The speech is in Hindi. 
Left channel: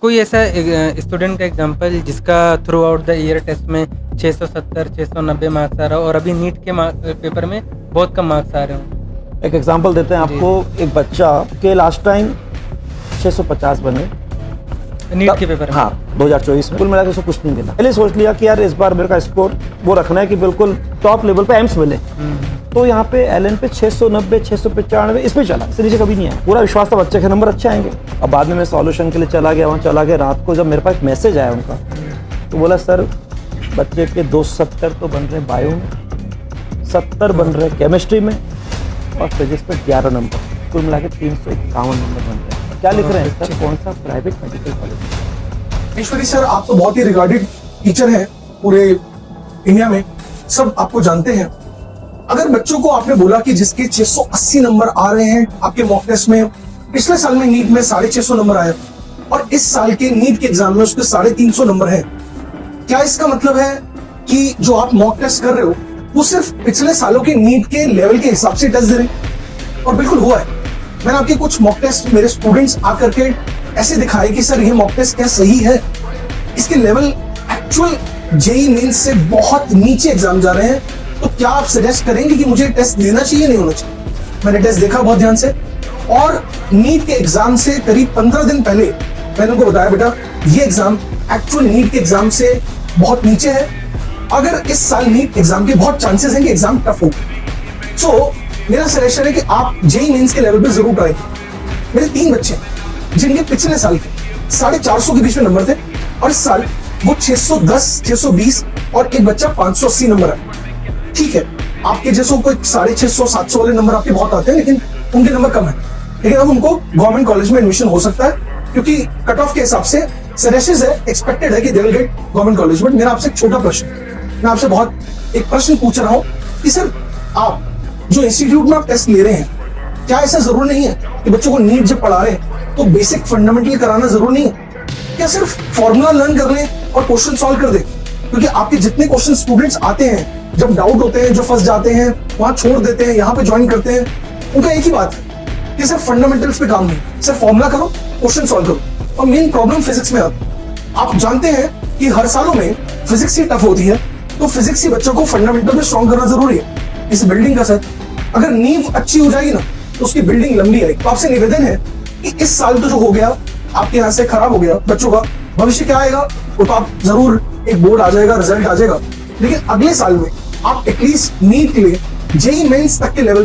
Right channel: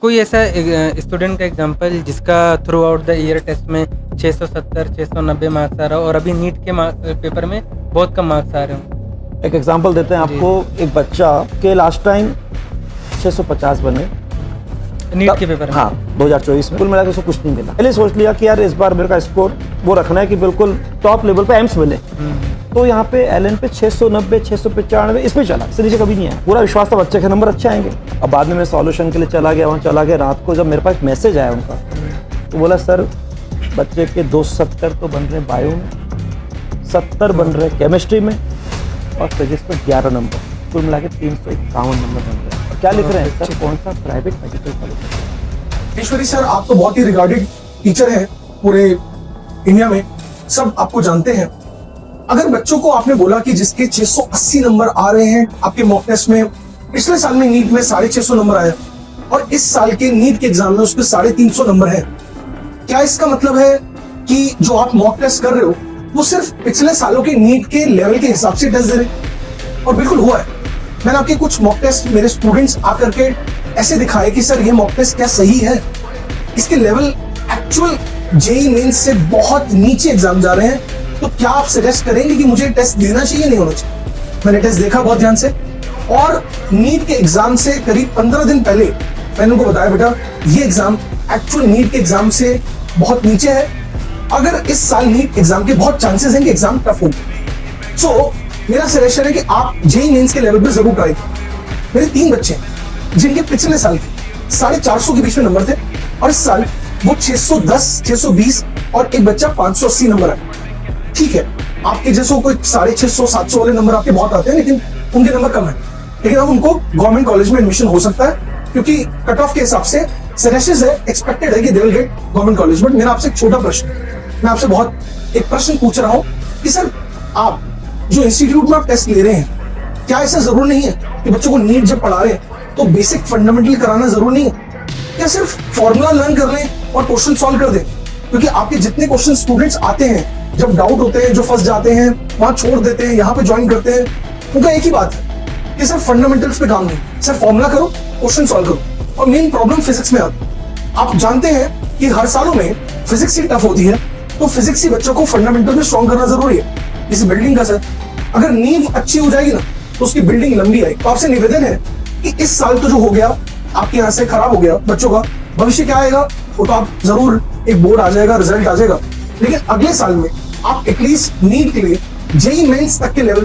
कोई ऐसा स्टूडेंट का एग्जांपल जिसका throughout the year test में 670 690 मार्क्स आ रहा हो और अभी नीट के पेपर में बहुत कम मार्क्स आ रहे हो? एक एग्जांपल देते हैं आपको। एक बच्चा के लास्ट टाइम 650 बने नीट के पेपर में। हाँ 2024 में कुल मिला के उसको कुछ नहीं मिला। पहले सोच लिया कि यार इस बार मेरे का स्कोर वो रखना है कि बिल्कुल टॉप लेवल पे एम्स मिले। तो यहाँ पे एलएन पे 690 695 इस पे चला, इससे नीचे कभी नहीं आया। पूरा विश्वास था बच्चे के नंबर अच्छे आएंगे। अब बाद में मैं सॉल्यूशन के लिए चला गया, वहाँ चला गया। रात को जब मेरे पास मैसेज आया उनका तो बोला सर बच्चे के 270 तो बन रहे बायो में, 70 बन रहे केमिस्ट्री में और फिजिक्स में 11 नंबर, कुल मिला के 351 नंबर बन रहे हैं। और क्या लिख रहे हैं सर, कौन सा प्राइवेट मेडिकल कॉलेज। ईश्वरी सर, आप तो बहुत ही रिगार्डेड टीचर हैं पूरे इंडिया में, सब आपको जानते हैं। अगर बच्चों को आपने बोला कि जिसके 680 नंबर आ रहे हैं आपके मॉक टेस्ट में, पिछले साल में नीट में 650 नंबर आया और इस साल के नीट के एग्जाम में उसके 350 नंबर है, क्या इसका मतलब है कि जो आप मॉक टेस्ट कर रहे हो वो सिर्फ पिछले सालों के नीट के लेवल के हिसाब से टेस्ट दे रहे हैं? और बिल्कुल हुआ है। मैंने आपके कुछ मॉक टेस्ट मेरे स्टूडेंट्स आकर के ऐसे दिखाए कि सर ये मॉक टेस्ट क्या सही है, इसके लेवल एक्चुअल जेईई मेंस से बहुत नीचे एग्जाम जा रहे हैं। तो क्या आप सजेस्ट करेंगे कि मुझे टेस्ट देना चाहिए नहीं होना चाहिए? मैंने टेस्ट देखा बहुत ध्यान से और नीट के एग्जाम से करीब 15 दिन पहले मैंने उनको बताया बेटा ये एग्जाम एक्चुअल नीट के एग्जाम से बहुत नीचे है। अगर इस साल नीट एग्जाम के बहुत चांसेस हैं कि एग्जाम टफ हो, सो मेरा सजेशन है कि आप जेईई मेंस के लेवल पे जरूर ट्राई करें। मेरे 3 बच्चे जिनके पिछले साल 450 के बीच में नंबर थे और इस साल वो 610 620 और एक बच्चा 580 नंबर है। ठीक है, आपके जैसों को 650 700 वाले नंबर आपके बहुत आते हैं, लेकिन उनके नंबर कम है। लेकिन अब उनको गवर्नमेंट कॉलेज में एडमिशन हो सकता है क्योंकि कट ऑफ के हिसाब से सजेशंस है, एक्सपेक्टेड है कि they will get government college. But मेरा आपसे एक छोटा प्रश्न, मैं आपसे बहुत एक प्रश्न पूछ रहा हूँ कि सर आप जो इंस्टीट्यूट में आप टेस्ट ले रहे हैं, क्या ऐसा जरूर नहीं है कि बच्चों को नीट जब पढ़ा रहे हैं तो बेसिक फंडामेंटल कराना जरूर नहीं है? क्या सिर्फ फॉर्मूला लर्न कर लें और क्वेश्चन सॉल्व कर दें? क्योंकि आपके जितने क्वेश्चन स्टूडेंट्स आते हैं, जब डाउट होते हैं, जो फंस जाते हैं, वहां छोड़ देते हैं, यहाँ पे ज्वाइन करते हैं, उनका एक ही बात है कि सर फंडामेंटल्स पे डाउन है, सर फॉर्मूला करो, क्वेश्चन सॉल्व करो। और मेन प्रॉब्लम फिजिक्स में आती है। आप जानते हैं कि हर सालों में फिजिक्स ही टफ होती है, तो फिजिक्स ही बच्चों को फंडामेंटल में स्ट्रॉन्ग करना जरूरी है। इस बिल्डिंग का सर अगर नींव अच्छी हो जाएगी ना तो उसकी बिल्डिंग लंबी आएगी। तो आपसे निवेदन है कि इस साल तो जो हो गया आपके यहाँ से खराब हो गया, बच्चों का भविष्य क्या आएगा वो तो आप जरूर एक बोर्ड आ जाएगा, रिजल्ट आ जाएगा, लेकिन अगले साल में आप एटलीस्ट नीट के लिए जेईई मेंस तक के लेवल पे